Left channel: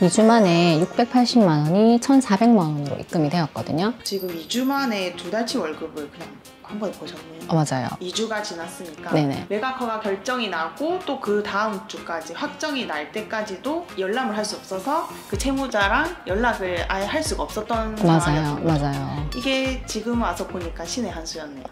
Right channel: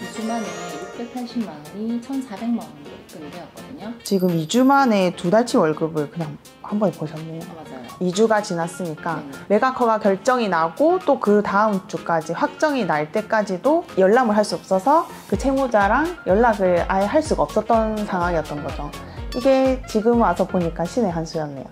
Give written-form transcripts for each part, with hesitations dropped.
2주 만에 680만 원이 1,400만 원으로 입금이 되었거든요. 지금 2주 만에 2달치 월급을 그냥 한 번에 버셨네요. 맞아요. 2주가 지났으니까 네네. 매각허가 결정이 나고 또 그 다음 주까지 확정이 날 때까지도 열람을 할 수 없어서 그 채무자랑 연락을 아예 할 수가 없었던 상황이었던 거죠. 맞아요. 이게 지금 와서 보니까 신의 한 수였네요.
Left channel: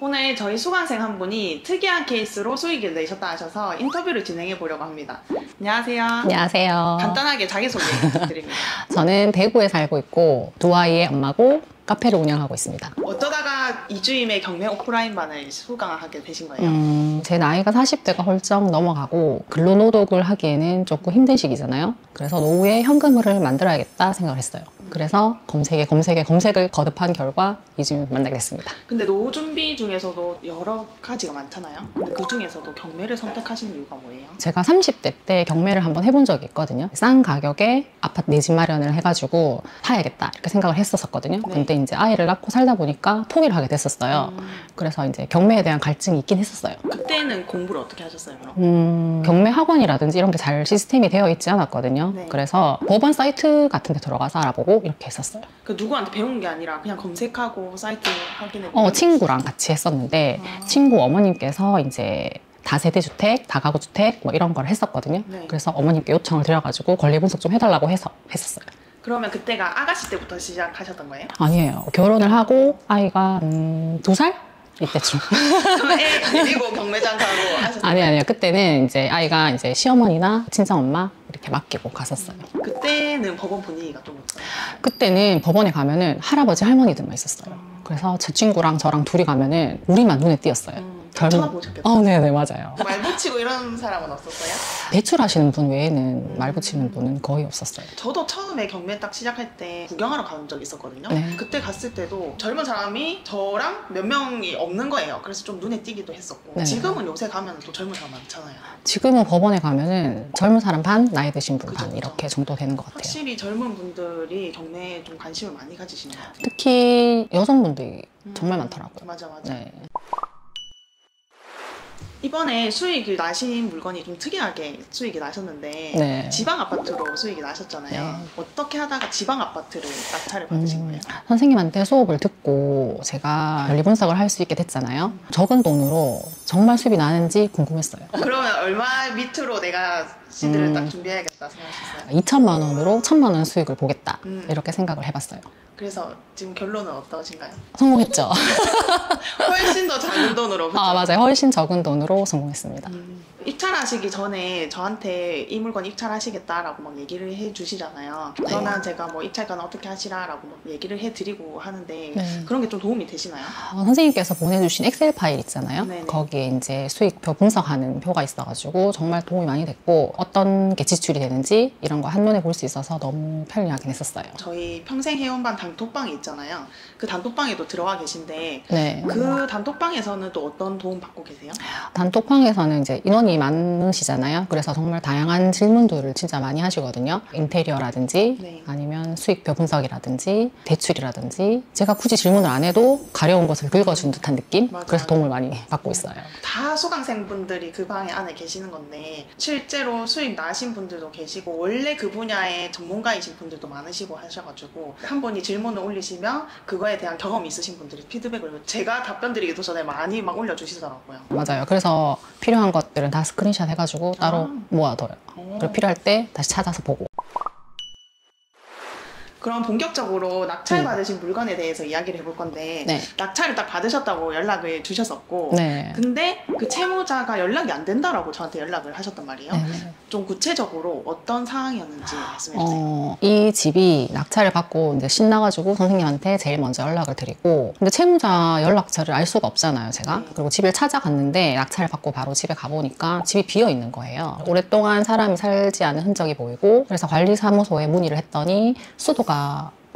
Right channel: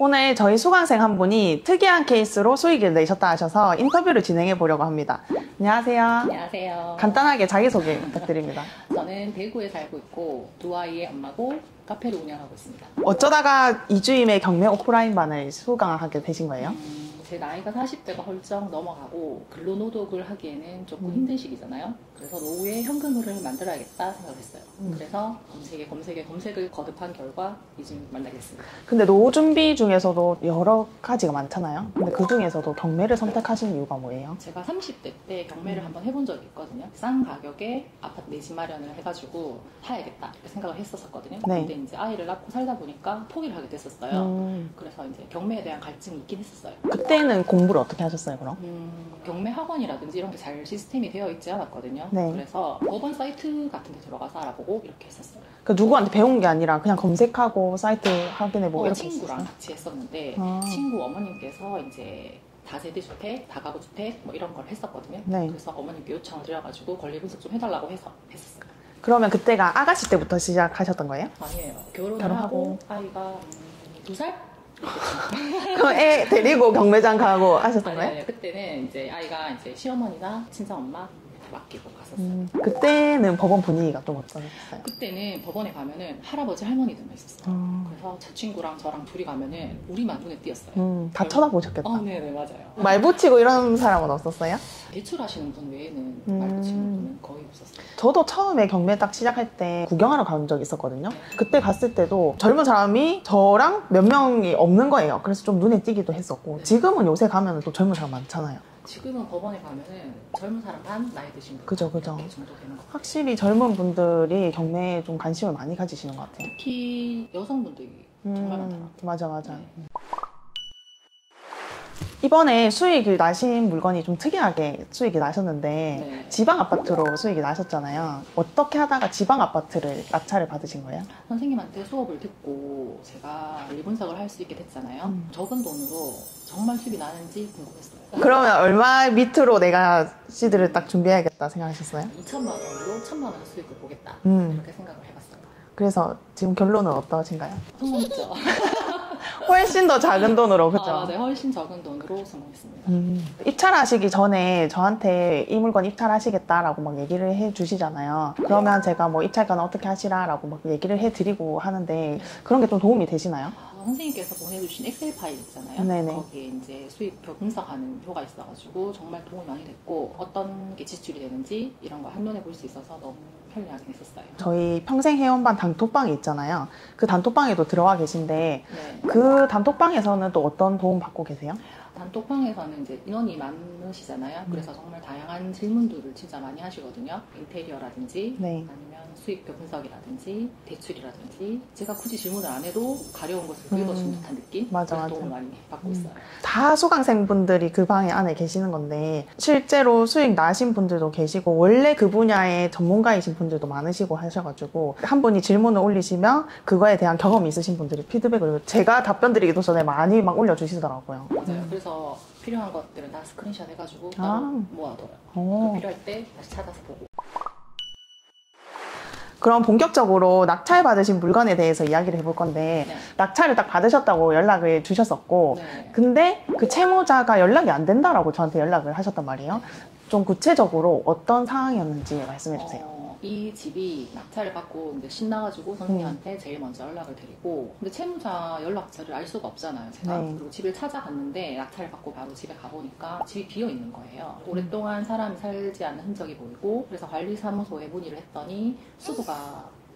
오늘 저희 수강생 한 분이 특이한 케이스로 수익을 내셨다 하셔서 인터뷰를 진행해 보려고 합니다. 안녕하세요. 안녕하세요. 간단하게 자기소개 부탁드립니다. 저는 대구에 살고 있고 두 아이의 엄마고 카페를 운영하고 있습니다. 어쩌다가 2주임의 경매 오프라인반을 수강하게 되신 거예요? 제 나이가 40대가 훌쩍 넘어가고 근로노동을 하기에는 조금 힘든 시기잖아요. 그래서 노후에 현금을 만들어야겠다 생각을 했어요. 그래서 검색을 거듭한 결과 2주임 만나게 됐습니다. 근데 노후 준비 중에서도 여러 가지가 많잖아요. 근데 그 중에서도 경매를 선택하신 이유가 뭐예요? 제가 30대 때 경매를 한번 해본 적이 있거든요. 싼 가격에 아파트 내 집 마련을 해가지고 사야겠다 이렇게 생각을 했었거든요. 네. 근데 이제 아이를 낳고 살다 보니까 포기를 하게 됐었어요. 그래서 이제 경매에 대한 갈증이 있긴 했었어요. 그때는 공부를 어떻게 하셨어요, 그럼? 경매 학원이라든지 이런 게 잘 시스템이 되어 있지 않았거든요. 네. 그래서 법원 사이트 같은 데 들어가서 알아보고 이렇게 했었어요. 그러니까 누구한테 배운 게 아니라 그냥 검색하고 사이트 확인해보고 친구랑 같이 했었는데 친구 어머님께서 이제 다세대 주택, 다가구 주택 뭐 이런 걸 했었거든요. 네. 그래서 어머님께 요청을 드려가지고 권리 분석 좀 해달라고 해서 했었어요. 그러면 그때가 아가씨 때부터 시작하셨던 거예요? 아니에요. 결혼을 하고 아이가 2살? 이때쯤. 애 데리고 경매장 가고 하셨어요? 아니요. 그때는 이제 아이가 이제 시어머니나 친정엄마 이렇게 맡기고 갔었어요. 그때는 법원 분위기가 좀 어떠나요? 그때는 법원에 가면은 할아버지 할머니들만 있었어요. 그래서 제 친구랑 저랑 둘이 가면은 우리만 눈에 띄었어요. 다 쳐다보셨겠다. 네네, 맞아요. 말 붙이고 이런 사람은 없었어요? 대출하시는 분 외에는 말 붙이는 분은 거의 없었어요. 저도 처음에 경매 딱 시작할 때 구경하러 간 적이 있었거든요. 네. 그때 갔을 때도 젊은 사람이 저랑 몇 명이 없는 거예요. 그래서 좀 눈에 띄기도 했었고. 네. 지금은 요새 가면 또 젊은 사람 많잖아요. 지금은 법원에 가면은 젊은 사람 반, 나이 드신 분 그죠, 반 그죠. 이렇게 정도 되는 것 같아요. 확실히 젊은 분들이 경매에 좀 관심을 많이 가지시는 것 같아요. 특히 여성분들이 정말 많더라고요. 맞아. 네. 이번에 수익이 나신 물건이 좀 특이하게 수익이 나셨는데 네. 지방 아파트로 수익이 나셨잖아요. 네. 어떻게 하다가 지방 아파트를 낙찰을 받으신 거예요? 선생님한테 수업을 듣고 제가 권리 분석을 할 수 있게 됐잖아요. 적은 돈으로 정말 수입이 나는지 궁금했어요. 그러면 얼마 밑으로 내가 시드를 딱 준비해야겠다 생각하셨어요? 2천만 원으로 1,000만 원 수익을 보겠다 이렇게 생각을 해봤어요. 그래서 지금 결론은 어떠신가요? 성공했죠. 훨씬 더 작은 돈으로 그쵸? 맞아요. 훨씬 적은 돈으로 성공했습니다. 입찰하시기 전에 저한테 이 물건 입찰하시겠다라고 막 얘기를 해주시잖아요. 그러면 제가 뭐 입찰가는 어떻게 하시라라고 막 얘기를 해드리고 하는데 그런 게 좀 도움이 되시나요? 선생님께서 보내주신 엑셀 파일 있잖아요. 네네. 거기에 이제 수익표 분석하는 표가 있어가지고 정말 도움이 많이 됐고 어떤 게 지출이 되는지 이런 거 한눈에 볼 수 있어서 너무 편리하긴 했었어요. 저희 평생회원반 단톡방이 있잖아요. 그 단톡방에도 들어와 계신데 네. 그 단톡방에서는 또 어떤 도움 받고 계세요? 단톡방에서는 이제 인원이 많으시잖아요. 그래서 정말 다양한 질문들을 진짜 많이 하시거든요. 인테리어라든지 네. 아니면 수익표 분석이라든지 대출이라든지 제가 굳이 질문을 안 해도 가려운 것을 긁어준 듯한 느낌? 맞아요. 그래서 도움을 많이 받고 있어요. 다 수강생분들이 그 방에 안에 계시는 건데 실제로 수익 나신 분들도 계시고 원래 그 분야의 전문가이신 분들도 많으시고 하셔가지고 한 분이 질문을 올리시면 그거에 대한 경험이 있으신 분들이 피드백을 제가 답변 드리기도 전에 많이 막 올려주시더라고요. 맞아요. 그래서 필요한 것들은 다 스크린샷 해가지고 따로 모아둬요. 그리고 필요할 때 다시 찾아서 보고. 그럼 본격적으로 낙찰 받으신 물건에 대해서 이야기를 해볼 건데 네. 낙찰을 딱 받으셨다고 연락을 주셨었고 네. 근데 그 채무자가 연락이 안 된다라고 저한테 연락을 하셨단 말이에요. 네. 좀 구체적으로 어떤 상황이었는지 말씀해 주세요. 이 집이 낙찰을 받고 이제 신나가지고 선생님한테 제일 먼저 연락을 드리고 근데 채무자 연락처를 알 수가 없잖아요, 제가. 네. 그리고 집을 찾아갔는데 낙찰을 받고 바로 집에 가보니까 집이 비어 있는 거예요. 오랫동안 사람이 살지 않은 흔적이 보이고 그래서 관리사무소에 문의를 했더니 수도가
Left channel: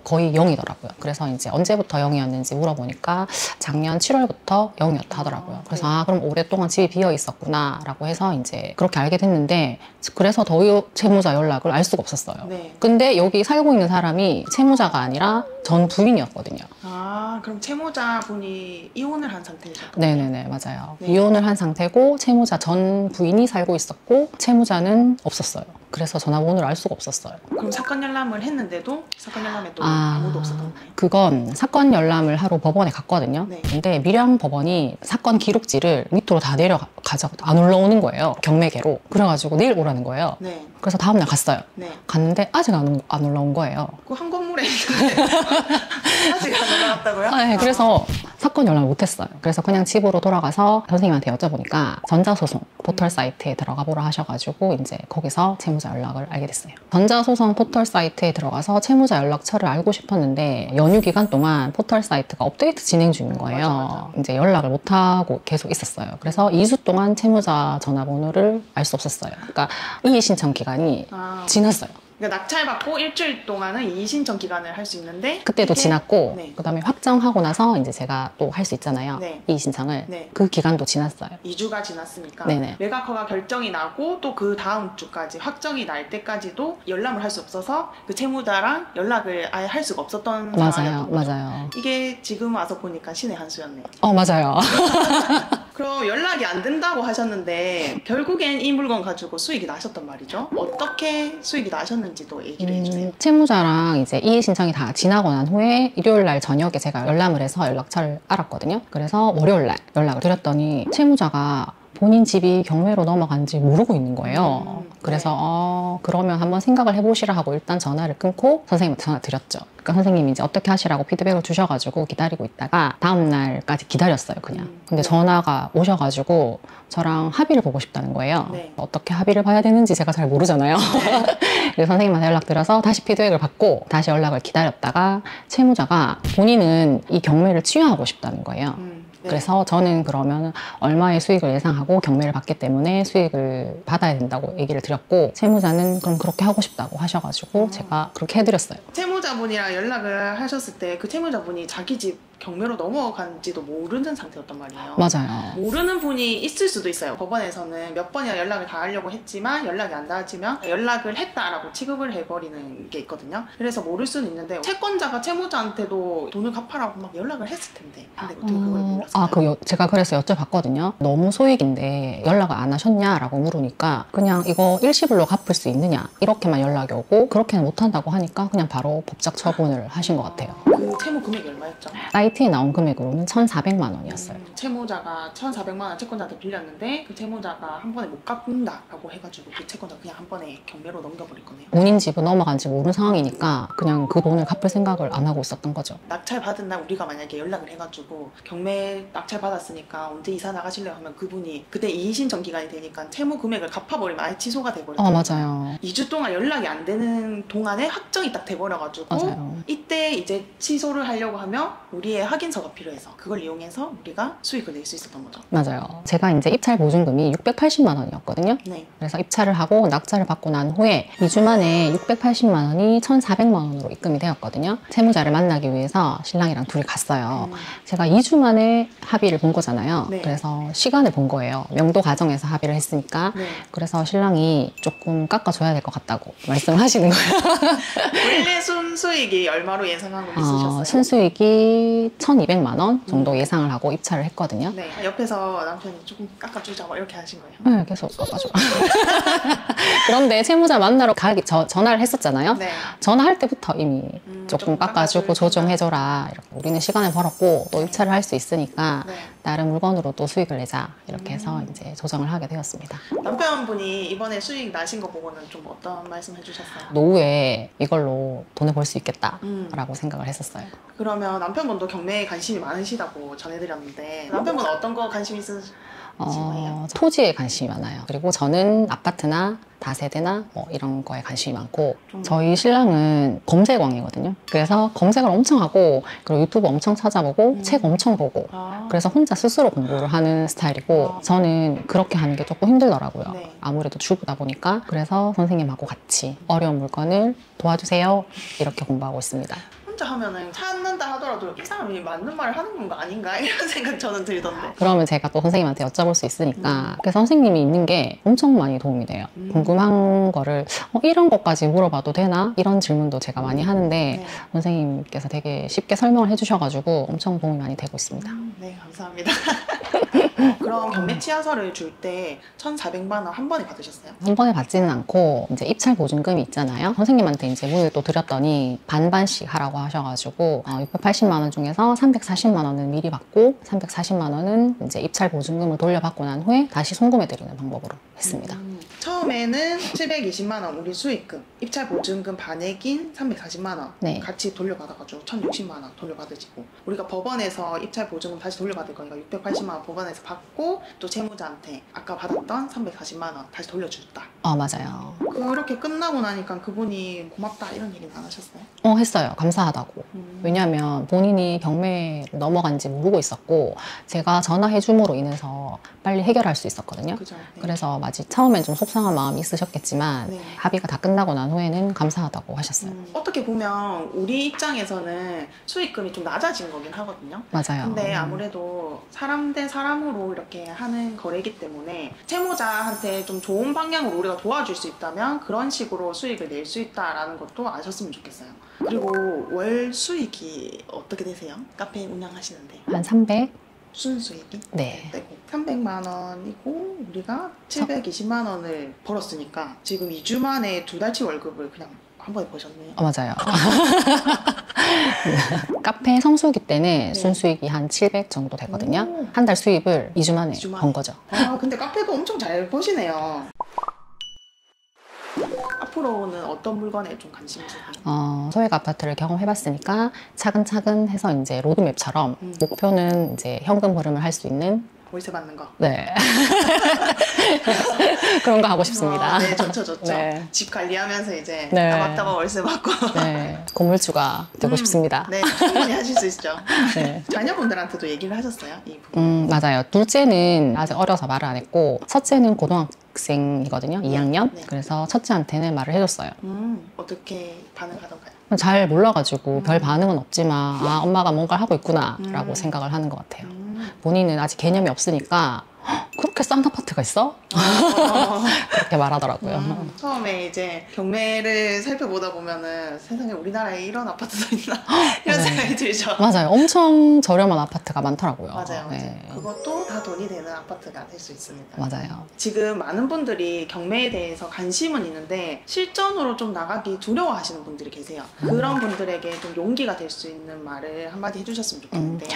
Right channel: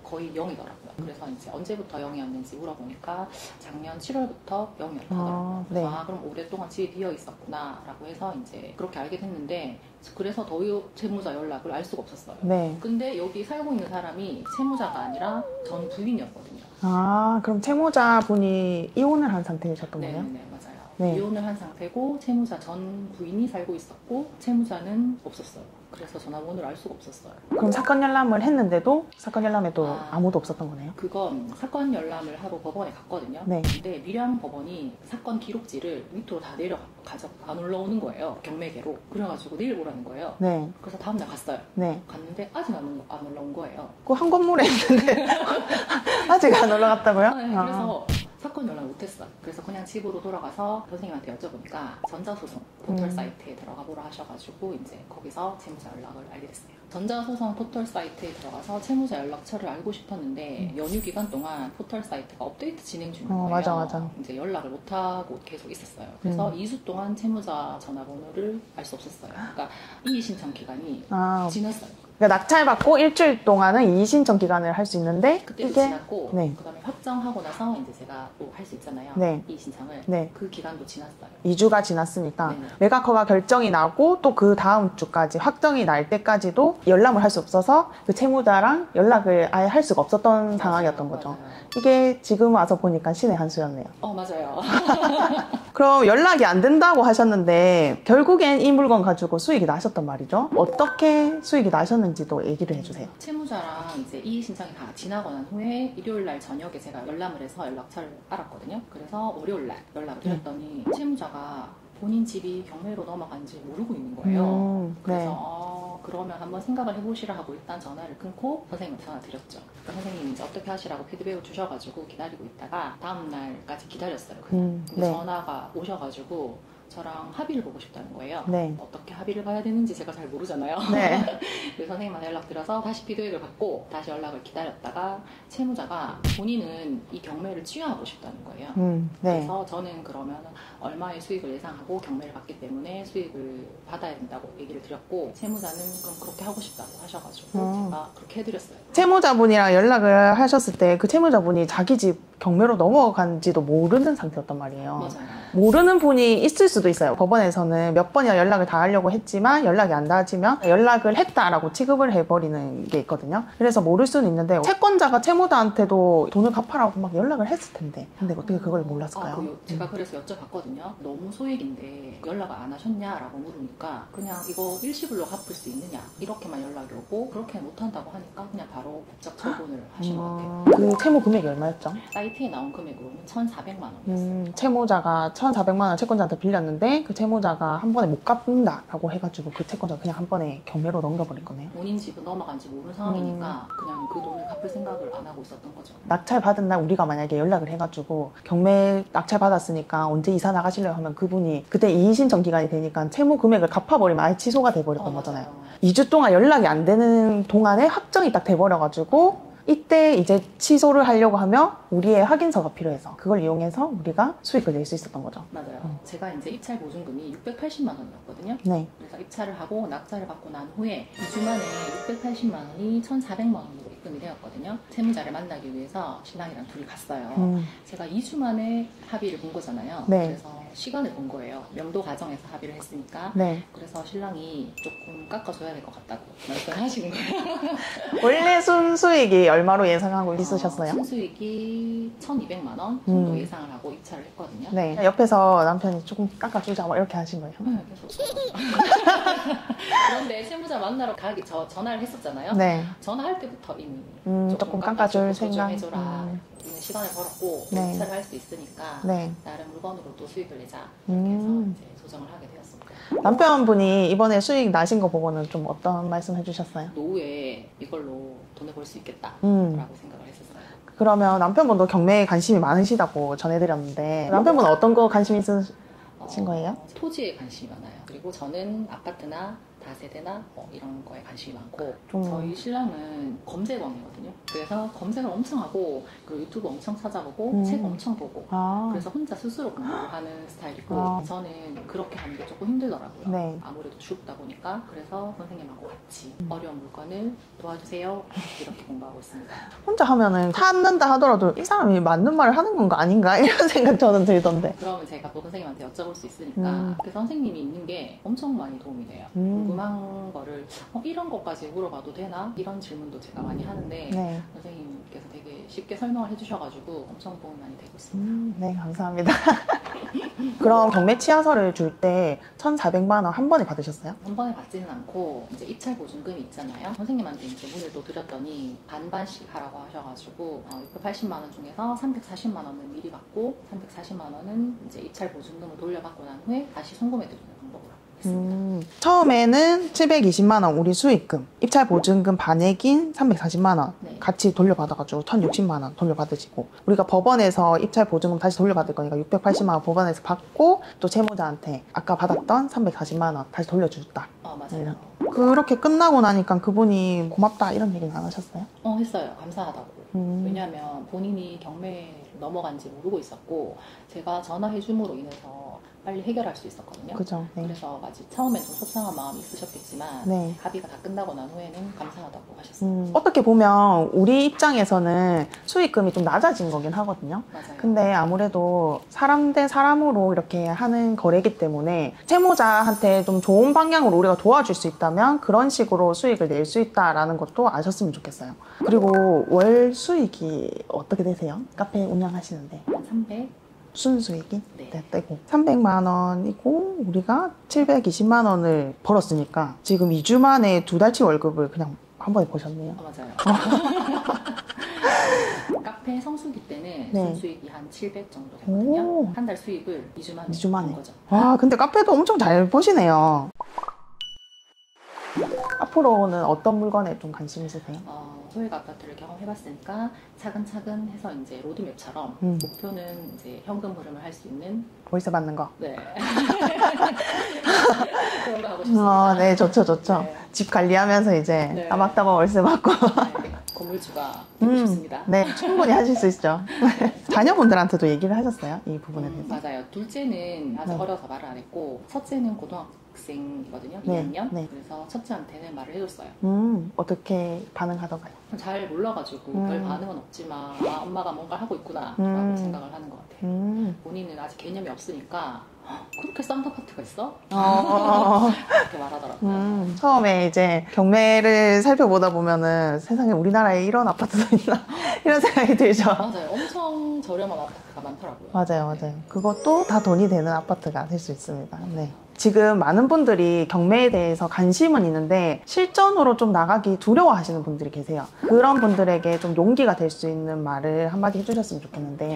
거의 0이더라고요. 그래서 이제 언제부터 0이었는지 물어보니까 작년 7월부터 0이었다 하더라고요. 그래서 네. 그럼 오랫동안 집이 비어 있었구나 라고 해서 이제 그렇게 알게 됐는데, 그래서 더 채무자 연락을 알 수가 없었어요. 네. 근데 여기 살고 있는 사람이 채무자가 아니라 전 부인이었거든요. 아, 그럼 채무자분이 이혼을 한 상태이셨던 거예요? 네네네, 맞아요. 네. 이혼을 한 상태고 채무자 전 부인이 살고 있었고 채무자는 없었어요. 그래서 전화번호를 알 수가 없었어요. 그럼 사건 열람을 했는데도 사건 열람에 또 아무도 없었던 거예요? 그건 사건 열람을 하러 법원에 갔거든요. 네. 근데 밀양 법원이 사건 기록지를 밑으로 다 내려가져 안 올라오는 거예요. 경매계로. 그래가지고 내일 오라는 거예요. 네. 그래서 다음날 갔어요. 네. 갔는데 아직 안 올라온 거예요. 그 한 건물에 있는데 아직 안 올라갔다고요? 네, 그래서 사건 연락을 못했어요. 그래서 그냥 집으로 돌아가서 선생님한테 여쭤보니까 전자소송 포털 사이트에 들어가 보라 하셔가지고 이제 거기서 채무자 연락을 알게 됐어요. 전자소송 포털 사이트에 들어가서 채무자 연락처를 알고 싶었는데 연휴 기간 동안 포털 사이트가 업데이트 진행 중인 거예요. 맞아. 이제 연락을 못하고 계속 있었어요. 그래서 2주 동안 채무자 전화번호를 알 수 없었어요. 그러니까 이의 신청 기간이 지났어요. 그러니까 낙찰받고 일주일 동안은 이의신청 기간을 할 수 있는데 그때도 이게- 지났고 네. 그다음에 확정하고 나서 이제 제가 또 할 수 있잖아요. 네. 이의 신청을. 네. 그 기간도 지났어요. 2주가 지났으니까 네네. 매각허가 결정이 나고 또 그 다음 주까지 확정이 날 때까지도 열람을 할 수 없어서 그 채무자랑 연락을 아예 할 수가 없었던 상황이었던 거죠. 맞아요. 이게 지금 와서 보니까 신의 한 수였네요. 맞아요. 그럼 연락이 안 된다고 하셨는데 결국엔 이 물건 가지고 수익이 나셨단 말이죠. 어떻게 수익이 나셨는지도 얘기를 해주세요. 채무자랑 이제 이의 신청이 다 지나고 난 후에 일요일 날 저녁에 제가 열람을 해서 연락처를 알았거든요. 그래서 월요일 날 연락을 드렸더니 채무자가 본인 집이 경매로 넘어간지 모르고 있는 거예요. 그래서 그러면 한번 생각을 해보시라 하고 일단 전화를 끊고 선생님한테 전화 드렸죠. 그러니까 선생님이 이제 어떻게 하시라고 피드백을 주셔가지고 기다리고 있다가 다음 날까지 기다렸어요, 그냥. 근데 네. 전화가 오셔가지고 저랑 합의를 보고 싶다는 거예요. 네. 어떻게 합의를 봐야 되는지 제가 잘 모르잖아요. 네. 그래서 선생님한테 연락드려서 다시 피드백을 받고 다시 연락을 기다렸다가 채무자가 본인은 이 경매를 취하하고 싶다는 거예요. 네. 그래서 저는 그러면 얼마의 수익을 예상하고 경매를 받기 때문에 수익을 받아야 된다고 얘기를 드렸고 채무자는 그럼 그렇게 하고 싶다고 하셔가지고 제가 그렇게 해드렸어요. 채무자분이랑 연락을 하셨을 때 그 채무자분이 자기 집 경매로 넘어간지도 모르는 상태였단 말이에요. 맞아요. 모르는 분이 있을 수도 있어요. 법원에서는 몇 번이나 연락을 다 하려고 했지만 연락이 안 닿아지면 연락을 했다라고 취급을 해버리는 게 있거든요. 그래서 모를 수는 있는데 채권자가 채무자한테도 돈을 갚아라고 막 연락을 했을 텐데 근데 어떻게 그걸 몰랐을까요? 제가 그래서 여쭤봤거든요. 너무 소액인데 연락을 안 하셨냐라고 물으니까 그냥 이거 일시불로 갚을 수 있느냐 이렇게만 연락이 오고 그렇게는 못한다고 하니까 그냥 바로 법적 처분을 하신 것 같아요. 그 채무 금액이 얼마였죠? 사이트에 나온 금액으로는 1,400만 원이었어요. 채무자가 1,400만 원 채권자한테 빌렸는데 그 채무자가 한 번에 못 갚는다라고 해가지고 그 채권자가 그냥 한 번에 경매로 넘겨버린 거네요. 본인 집은 넘어간지 모르는 상황이니까 그냥 그 돈을 갚을 생각을 안 하고 있었던 거죠. 낙찰 받은 날 우리가 만약에 연락을 해가지고 경매 낙찰 받았으니까 언제 이사 나가실래요 하면 그분이 그때 이의신청 기간이 되니까 채무 금액을 갚아버리면 아예 취소가 돼버렸던 거잖아요. 맞아요. 2주 동안 연락이 안 되는 동안에 확정이 딱 돼버려가지고 맞아요. 이때 이제 취소를 하려고 하면 우리의 확인서가 필요해서 그걸 이용해서 우리가 수익을 낼 수 있었던 거죠. 맞아요. 제가 이제 입찰 보증금이 680만 원이었거든요. 네. 그래서 입찰을 하고 낙찰을 받고 난 후에 2주 만에 680만 원이 1,400만 원으로 입금이 되었거든요. 채무자를 만나기 위해서 신랑이랑 둘이 갔어요. 제가 2주 만에 합의를 본 거잖아요. 네. 그래서 시간을 본 거예요. 명도 과정에서 합의를 했으니까. 네. 그래서 신랑이 조금 깎아줘야 될 것 같다고 말씀을 하시는 거예요. 원래 순수익이 얼마로 예상하고 있으셨어요? 순수익이 1,200만 원 정도 예상을 하고 입찰을 했거든요. 네. 옆에서 남편이 조금 깎아주자 막 이렇게 하신 거예요? 네, 계속 깎아줘. 그런데 채무자 만나러 전화를 했었잖아요. 네. 전화할 때부터 이미 조금 조금 깎아주고 깎아줄 조정해줘라. 이렇게 우리는 시간을 벌었고 또 네. 입찰을 할 수 있으니까 네. 다른 물건으로 또 수익을 내자. 이렇게 해서 이제 조정을 하게 되었습니다. 남편분이 이번에 수익 나신 거 보고는 좀 어떤 말씀 해주셨어요? 노후에 이걸로 돈을 벌 수 있겠다라고 음. 생각을 했었어요. 그러면 남편분도 경매에 관심이 많으시다고 전해드렸는데 남편분은 어떤 거 관심 있으신 거예요? 토지에 관심이 많아요. 그리고 저는 아파트나 다세대나 뭐 이런 거에 관심이 많고 저희 신랑은 검색왕이거든요. 그래서 검색을 엄청 하고 그리고 유튜브 엄청 찾아보고 책 엄청 보고 그래서 혼자 스스로 공부를 하는 스타일이고 저는 그렇게 하는 게 조금 힘들더라고요. 네. 아무래도 주부다 보니까 그래서 선생님하고 같이 어려운 물건을 도와주세요 이렇게 공부하고 있습니다. 혼자 하면은 찾는다 하더라도 이 사람이 맞는 말을 하는 건가 아닌가 이런 생각 저는 들던데. 그러면 제가 또 선생님한테 여쭤볼 수 있으니까 그래서 선생님이 있는 게 엄청 많이 도움이 돼요. 궁금한 거를 이런 것까지 물어봐도 되나? 이런 질문도 제가 많이 하는데 네. 선생님께서 되게 쉽게 설명을 해주셔가지고 엄청 도움이 많이 되고 있습니다. 네, 감사합니다. 그럼 경매 치안서를 줄 때 1,400만 원 한 번에 받으셨어요? 한 번에 받지는 않고 이제 입찰 보증금이 있잖아요. 선생님한테 이제 문을 또 드렸더니 반반씩 하라고 하셔가지고 680만 원 중에서 340만 원은 미리 받고 340만 원은 이제 입찰 보증금을 돌려받고 난 후에 다시 송금해 드리는 방법으로 했습니다. 처음에는 720만 원 우리 수익금, 입찰 보증금 반액인 340만 원 네. 같이 돌려받아가지고 1,060만 원 돌려받으시고, 우리가 법원에서 입찰 보증금 다시 돌려받을 거니까 680만 원 법원에서 받고 또 채무자한테 아까 받았던 340만 원 다시 돌려줬다. 맞아요. 그렇게 끝나고 나니까 그분이 고맙다 이런 얘기는 안 하셨어요? 했어요. 감사하다고. 왜냐하면 본인이 경매를 넘어간지 모르고 있었고 제가 전화해줌으로 인해서 빨리 해결할 수 있었거든요. 그죠. 네. 그래서 아직 처음엔 좀 속상한 마음이 있으셨겠지만 네. 합의가 다 끝나고 난 후에는 감사하다고 하셨어요. 어떻게 보면 우리 입장에서는 수익금이 좀 낮아진 거긴 하거든요. 맞아요. 근데 아무래도 사람 대 사람으로 이렇게 하는 거래기 때문에 채무자한테 좀 좋은 방향으로 우리가 도와줄 수 있다면 그런 식으로 수익을 낼 수 있다라는 것도 아셨으면 좋겠어요. 그리고 월 수익이 어떻게 되세요? 카페 운영하시는데 한 300? 순수익이? 네. 떼고 300만 원이고 우리가 720만 원을 벌었으니까 지금 2주 만에 2달치 월급을 그냥 한 번에 버셨네요. 맞아요. 카페 성수기 때는 네. 순수익이 한 700 정도 되거든요. 오. 한 달 수입을 2주 만에 2주 만에. 번 거죠. 와, 근데 카페도 엄청 잘 버시네요. 앞으로는 어떤 물건에 좀 관심이 있으세요? 소액 아파트를 경험해봤으니까 차근차근 해서 이제 로드맵처럼 목표는 이제 현금 흐름을 할 수 있는 월세 받는 거. 네. 그런 거 하고 싶습니다. 네, 좋죠, 좋죠. 네. 집 관리하면서 이제 네. 따박따박 월세 받고. 네. 건물주가 되고 싶습니다. 네, 충분히 하실 수 있죠. 네. 자녀분들한테도 얘기를 하셨어요? 이 부분. 맞아요. 둘째는 아직 어려서 말을 안 했고 첫째는 고등학생이거든요. 2학년. 네. 그래서 첫째한테는 말을 해줬어요. 어떻게 반응하던가요? 잘 몰라가지고 별 반응은 없지만 엄마가 뭔가를 하고 있구나 라고 생각을 하는 것 같아요. 본인은 아직 개념이 없으니까 그렇게 싼 아파트가 있어? 그렇게 말하더라고요. 처음에 이제 경매를 살펴보다 보면은 세상에 우리나라에 이런 아파트도 있나? 이런 네. 생각이 들죠. 맞아요. 엄청 저렴한 아파트가 많더라고요. 맞아요, 맞아요. 네. 그것도 다 돈이 되는 아파트가 될 수 있습니다. 맞아요. 지금 많은 분들이 경매에 대해서 관심은 있는데 실전으로 좀 나가기 두려워하시는 분들이 계세요. 그런 분들에게 좀 용기가 될 수 있는 말을 한마디 해주셨으면 좋겠는데.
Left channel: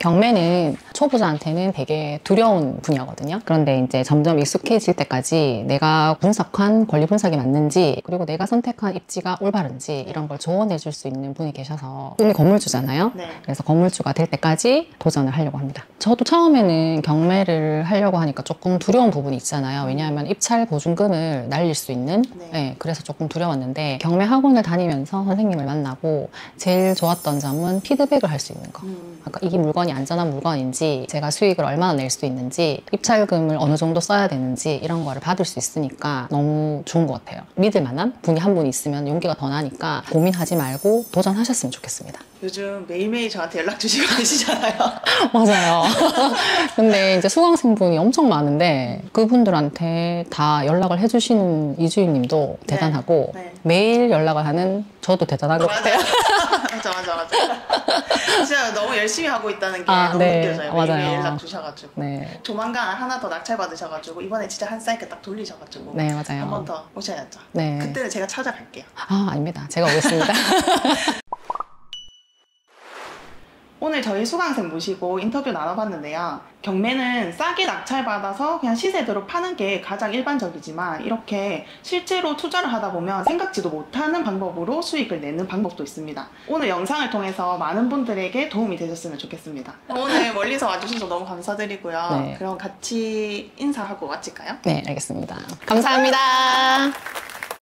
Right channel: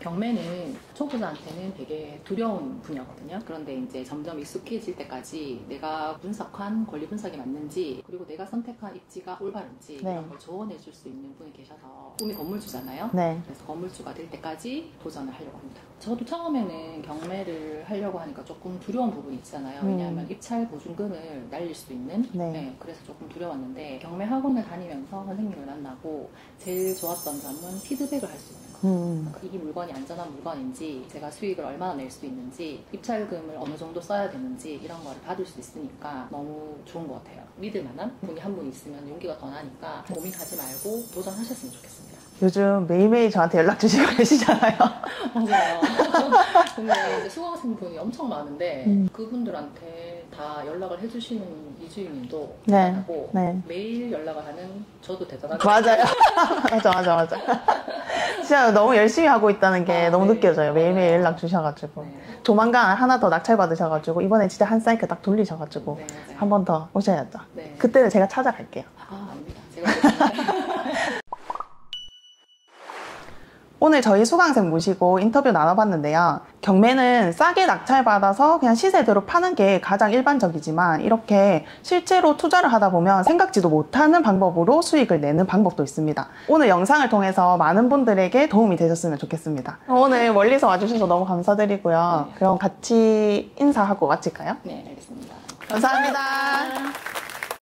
경매는 초보자한테는 되게 두려운 분야거든요. 그런데 이제 점점 익숙해질 때까지 내가 분석한 권리 분석이 맞는지, 그리고 내가 선택한 입지가 올바른지 네. 이런 걸 조언해 줄 수 있는 분이 계셔서, 꿈이 건물주잖아요. 네. 그래서 건물주가 될 때까지 도전을 하려고 합니다. 저도 처음에는 경매를 하려고 하니까 조금 두려운 부분이 있잖아요. 왜냐하면 입찰 보증금을 날릴 수 있는, 네. 그래서 조금 두려웠는데 경매 학원을 다니면서 선생님을 만나고 제일 좋았던 점은 피드백을 할 수 있는 거. 그러니까 이게 물건이 안전한 물건인지, 제가 수익을 얼마나 낼 수 있는지, 입찰금을 어느 정도 써야 되는지 이런 거를 받을 수 있으니까 너무 좋은 것 같아요. 믿을 만한 분이 한 분 있으면 용기가 더 나니까 고민하지 말고 도전하셨으면 좋겠습니다. 요즘 매일매일 저한테 연락 주시고 계시잖아요. 맞아요. 근데 이제 수강생분이 엄청 많은데 그분들한테 다 연락을 해주시는 이주인님도 네. 대단하고 네. 매일 연락을 하는 저도 대단한 것 맞아요. 같아요. 맞아. 진짜 너무 열심히 하고 있다는 게 너무 네. 느껴져요. 매일매일 맞아요. 연락 주셔가지고. 네. 조만간 하나 더 낙찰 받으셔가지고 이번에 진짜 한 사이클 딱 돌리셔가지고 네, 맞아요. 한 번 더 오셔야죠. 네. 그때는 제가 찾아갈게요. 아닙니다. 제가 오겠습니다. 오늘 저희 수강생 모시고 인터뷰 나눠봤는데요. 경매는 싸게 낙찰받아서 그냥 시세대로 파는 게 가장 일반적이지만 이렇게 실제로 투자를 하다 보면 생각지도 못하는 방법으로 수익을 내는 방법도 있습니다. 오늘 영상을 통해서 많은 분들에게 도움이 되셨으면 좋겠습니다. 오늘 멀리서 와주셔서 너무 감사드리고요. 네. 그럼 같이 인사하고 마칠까요? 네, 알겠습니다. 감사합니다.